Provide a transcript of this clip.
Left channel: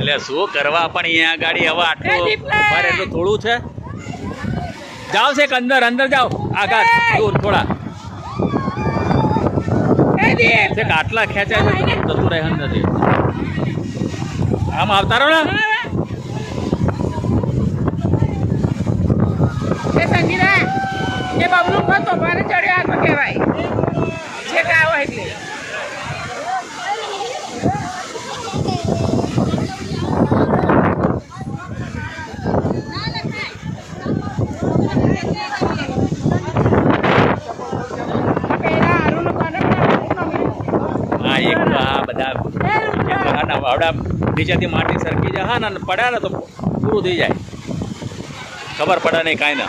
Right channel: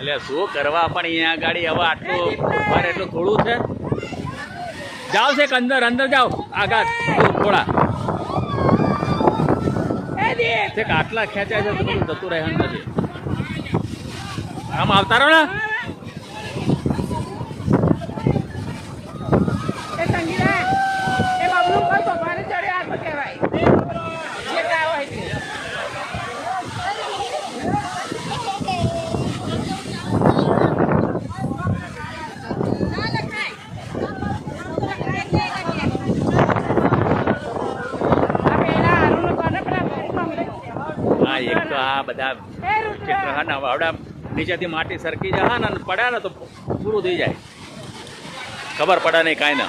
એટલે શું કરવા પણ અહીંયા ગાડી હવે આટલું ભારે એટલું થોડું છે. જાઓ છે અંદર અંદર જાઓ આગળ દૂર થોડા છે આટલા ખેંચાય છે તો જતું રહે અંદરથી. આમ આવતા રહો ને એક તો આ બધા આવડા નીચેથી માટી સરકી જાય હા ને પડ્યા ને તો પૂરું થઈ જાય ખબર પડે નહીં કાંઈ ના.